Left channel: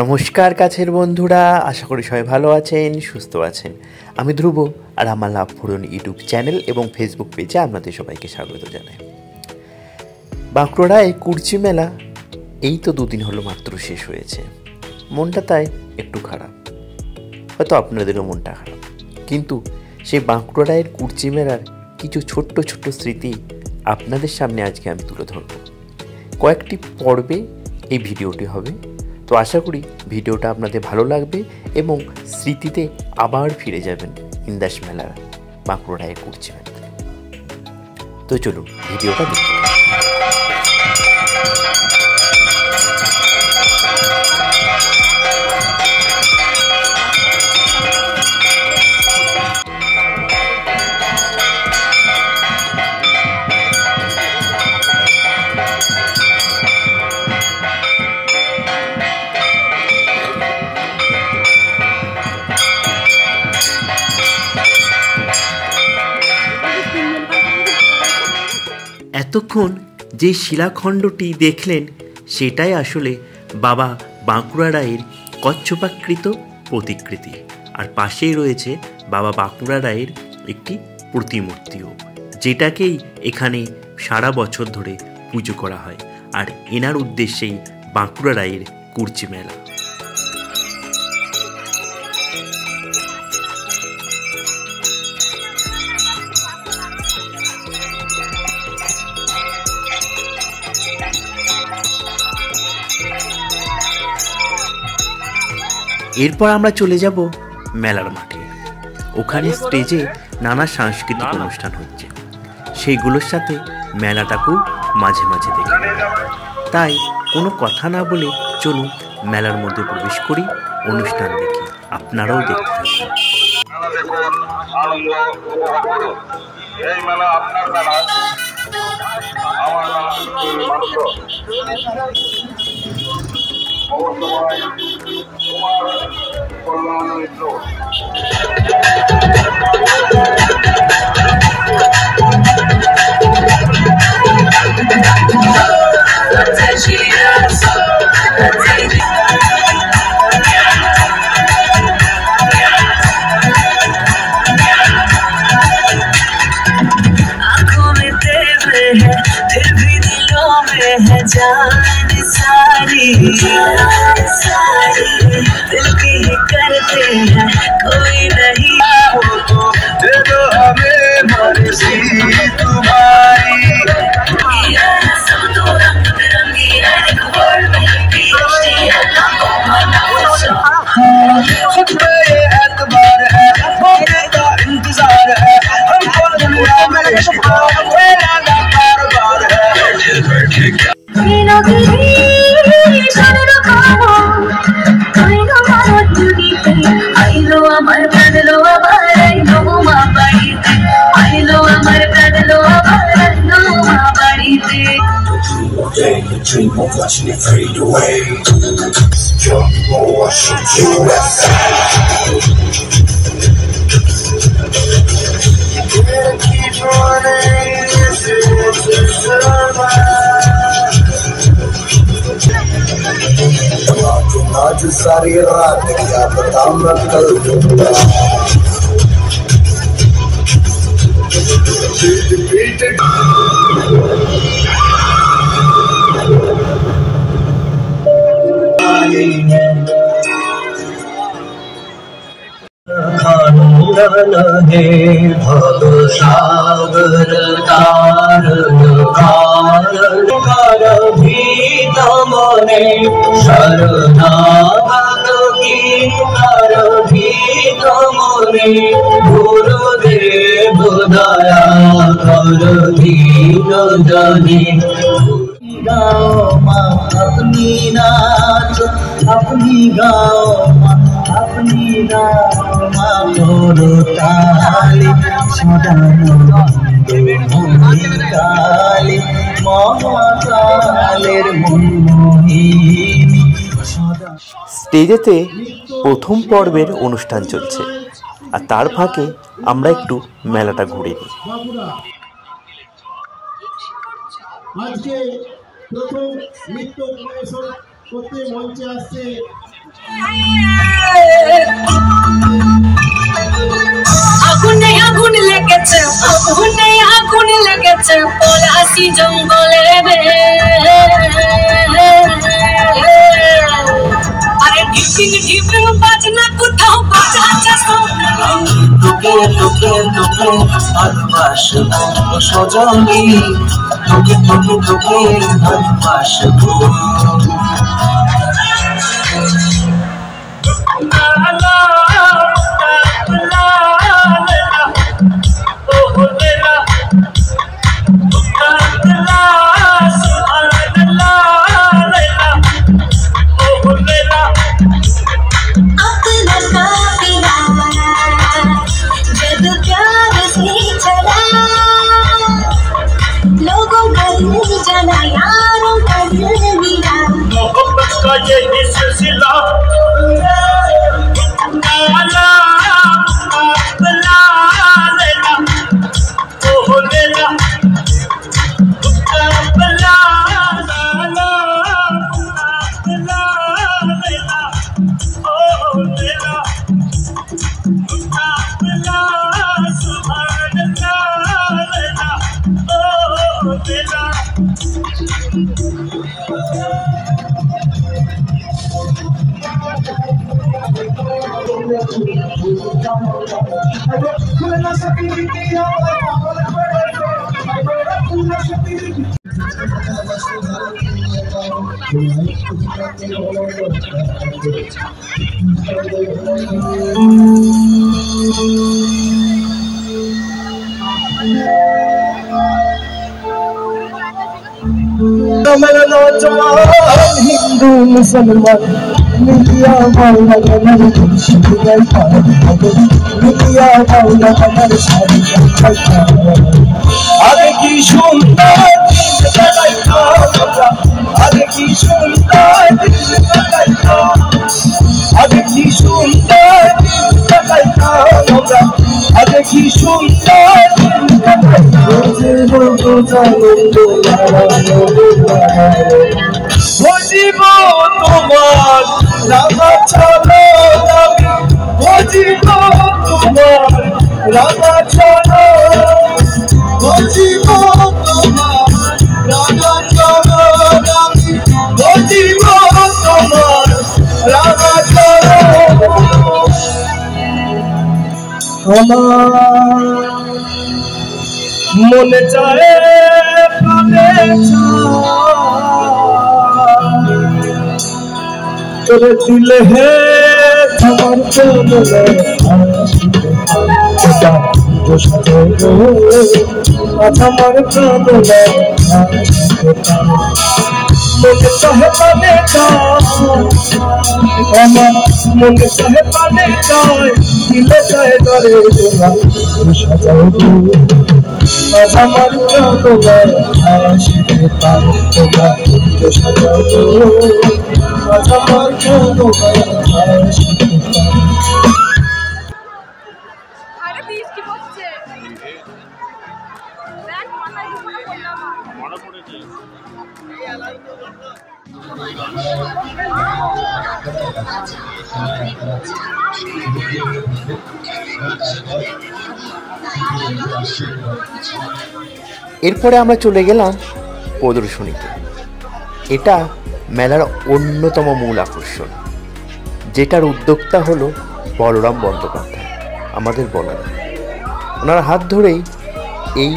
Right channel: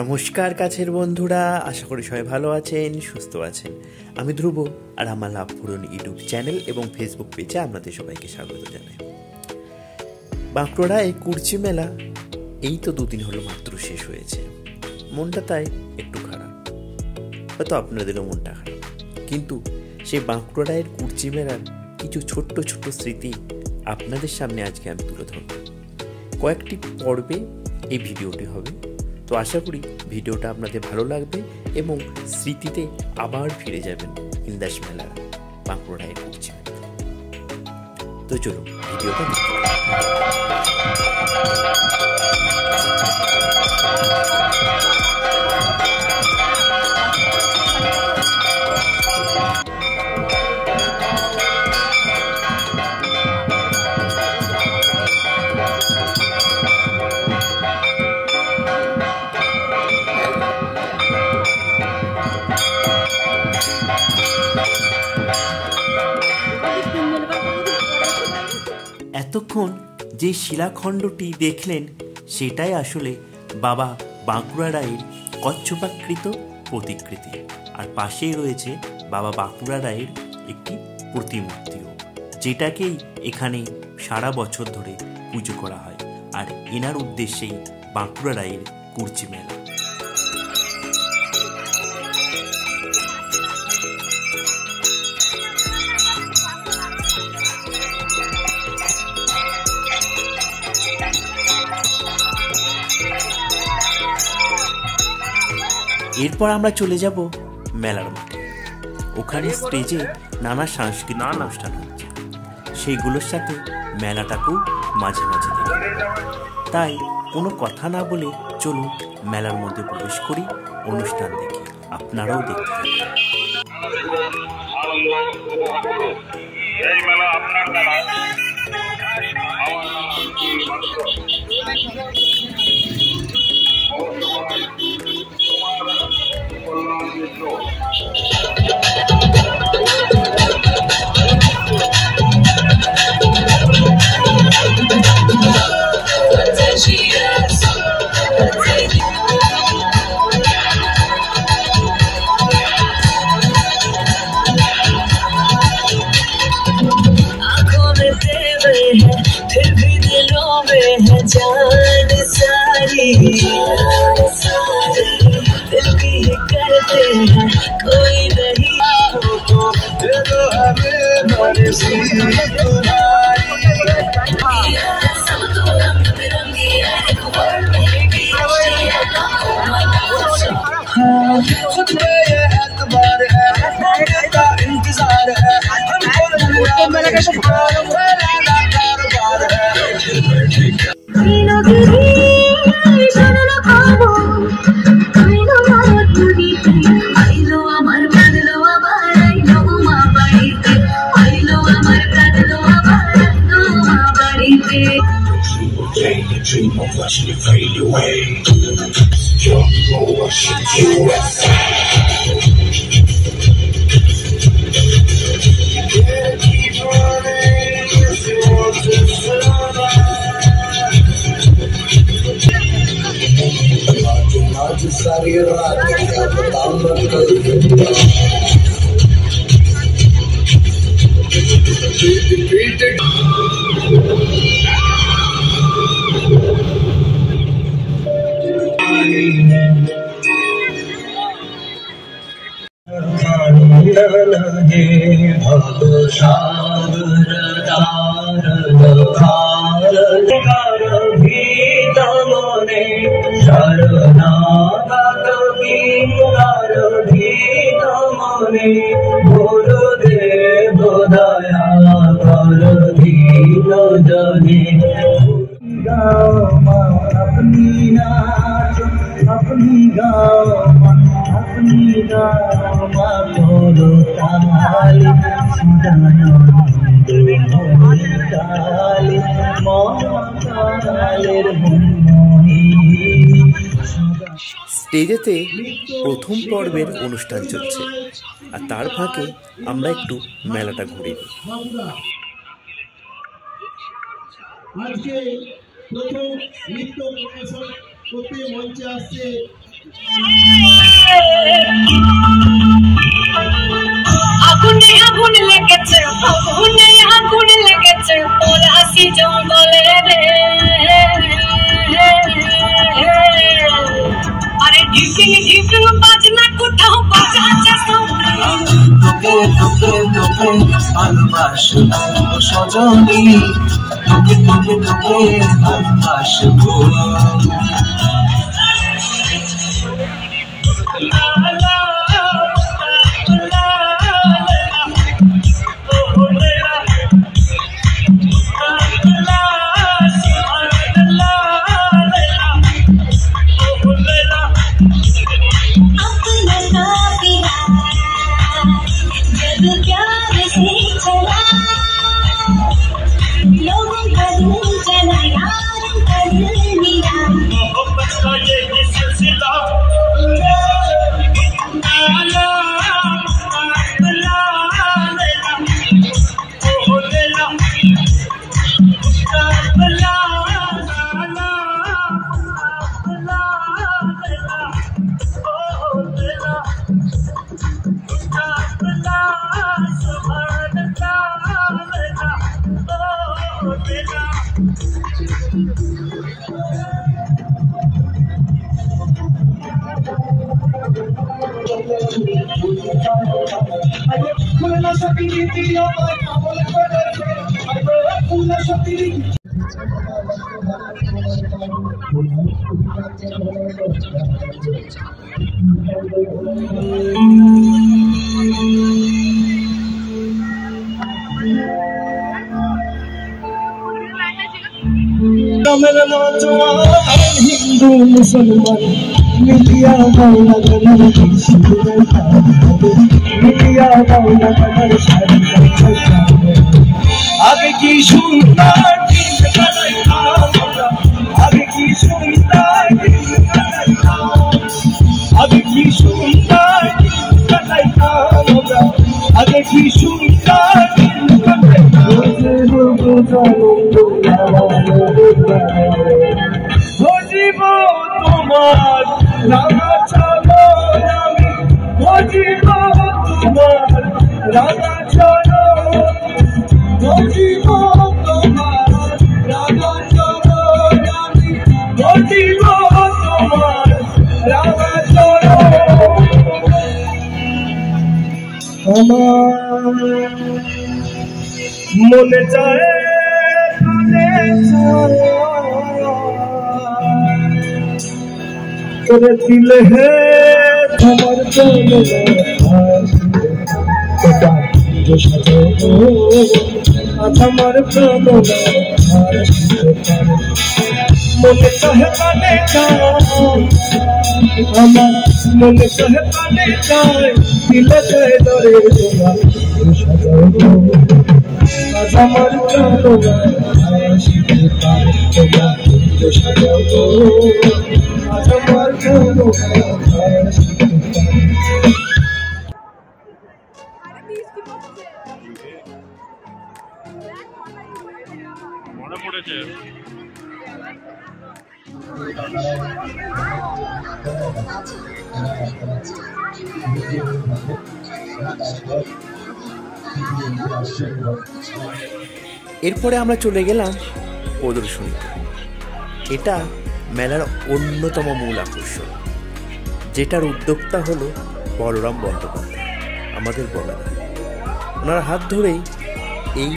নমস্কার কাছের বন্ধুরা, আশা করি সবাই ভালো আছেন, সুস্থ আছেন। আমি ধ্রুব, আর আমার লাভ পূরণ ইউটিউব চ্যানেল এবং ফেসবুক পেজে আপনাদের সবাইকে স্বাগত জানাই। বাঁকুড়ায় কুরচি মেলা এই তো 2 দিন হলো মাত্র শেষ হয়েছে। মনটা তাই একটু খারাপ, হয়তো আপনাদেরও মনটা খারাপ। কিন্তু সেই বাঁকুড়ায় কুরচি মেলার কিছু ছোট্ট ছোট্ট স্মৃতি আপনাদের সামনে আজকে আমি তুলে ধরব। কয়েকটি পর্বে এই ভিডিওটি হবে, তো আশা করি ভিডিওটা আপনাদের ভালো লাগবে এবং স্মৃতিতে আবার ফিরে যাবেন ইন্দাস মেলার বাঁকুড়ায় কুরচি মেলা। তো চলুন ভিডিওটা দেখতে। এতক্ষণ যে শিলাখণ্ডটি দেখলেন সেটাই আসলে বাবা বাঁকুড়া রায়ের কচ্ছপাকৃত প্রতিকৃতি, আর পাশেই রয়েছে বাবা বাঁকুড়া রায়ের একটি প্রতিমূর্তিও, যেটাকেই এখানে সারা বছর ধরে পুজো করা হয়। আর এনার উদ্দেশ্যেই বাঁকুড়া রায়ের কুরচি মেলা। এরপর আমরা চলে যাব মেলার মাঠে। ওখানে স্টেজে নানা সাংস্কৃতিক অনুষ্ঠান হচ্ছে, সেইগুলোর সাথে মেলাটাকেও মাঝে মাঝে দেখি। তাই কোনো কথা না বলে চলুন মেলার মধ্যে প্রবেশ করি, অনুষ্ঠান দেখি, আপনারাও দেখতে থাকুন। Dream of watching it fade away. Young boy, shit you outside. You gotta keep running if you want to survive. आज सारी रात क्या बताऊं मैं कल दूंगा। हे भव सागर तारण कारण भीत मने शरणागत किंकर भीत मने गुरुदेव दया कर दीन जने। गाओ माँ अपनी नाच, अपनी गाओ माँ अपनी गाओ माँ करो ताली सदानो काली मामा कालेर मनमोहिनी। স্টেজেতে প্রথম পর্বের অনুষ্ঠান চলছে, আর তার ফাঁকে আমরা একটু মেলাটা ঘুরে নিই। আজকে প্রথম নৃত্য পরিবেশন করতে মঞ্চে আসছে আগুনে আগুন লেগেছে, আগুনে আগুন লেগেছে পলাশি জঙ্গলে রে। আরে ঢিপিং ঢিপিং বাজনা কোথাও বাজাচ্ছে তোকে তোকে তোকে ভালোবাসবো সজনী, তোকে তোকে তোকে ভালোবাসবো। मेरा नौजवान हिंदू मुसलमान मिलिया बाउला कमर मिलिया बाउला कमर आगे की सुंदर आगे की सुंदर आगे की सुंदर आगे की सुंदर বুঝিব তোমার রাঙা চলো আমি বুঝিব তোমার রাঙা চলো বুঝিব তোমার রাঙা চলো আমি বুঝিব তোমার রাঙা চলো আমার মনে চায় প্রাণে তোরে দিলে হে তোমার চলে আমার প্রাণে মনে চাহে প্রাণে আমার মনে চাহে প্রাণে চায় দিলে চায় ধরে তোমার সাজাও আমার প্রাণে আসিতে পারে তোমার সাজাও আমার প্রাণে আসিতে পারে। আরে বৃষ্টি পড়ছে দেখ মাথায় মনে পড়েছে এরপরে আমরা চলে গেলাম প্রদর্শনীতে। এটা মেলার অন্যতম মূল আকর্ষণ, যেটার উদ্যোক্তা হলো বলরাম বন্দ্যোপাধ্যায়, আমাদের বলরাম। ওনার হাত ধরেই এই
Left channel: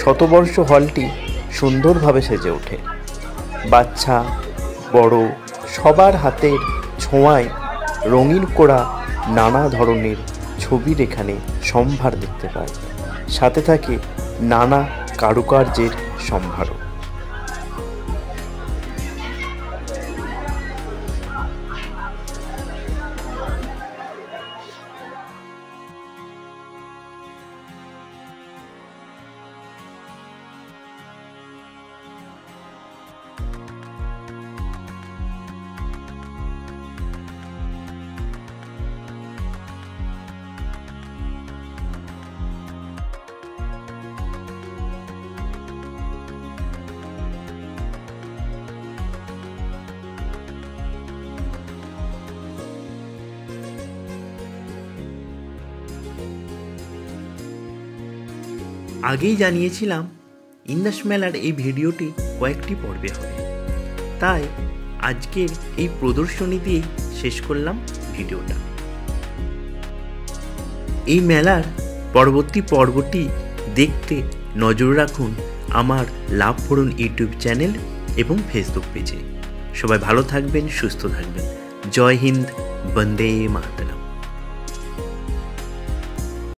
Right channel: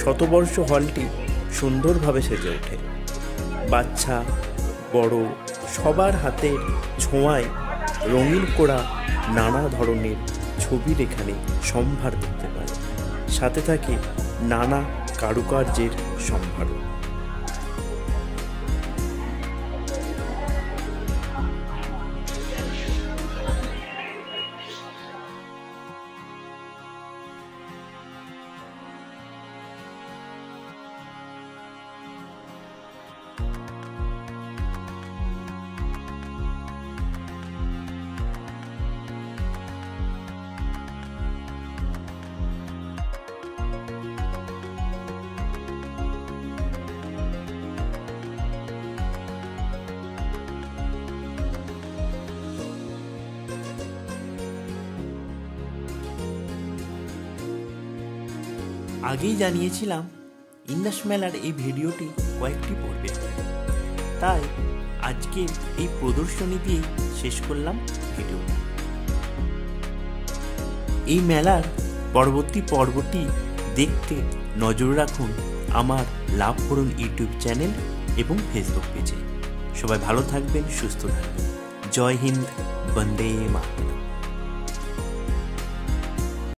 শতবর্ষ হলটি সুন্দরভাবে সেজে ওঠে। বাচ্চা বড় সবার হাতের ছোঁয়ায় রঙিন করা নানা ধরনের ছবির এখানে সম্ভার দেখতে পায়, সাথে থাকে নানা কারুকার্যের সম্ভার। আগেই জানিয়েছিলাম ইন্দাস মেলার এই ভিডিওটি কয়েকটি পর্বে হবে, তাই আজকে এই প্রদর্শনী দিয়েই শেষ করলাম ভিডিওটা। এই মেলার পরবর্তী পর্বটি দেখতে নজর রাখুন আমার লাভ ফোরন ইউটিউব চ্যানেল এবং ফেসবুক পেজে। সবাই ভালো থাকবেন, সুস্থ থাকবেন। জয় হিন্দ, বন্দে মাতরম।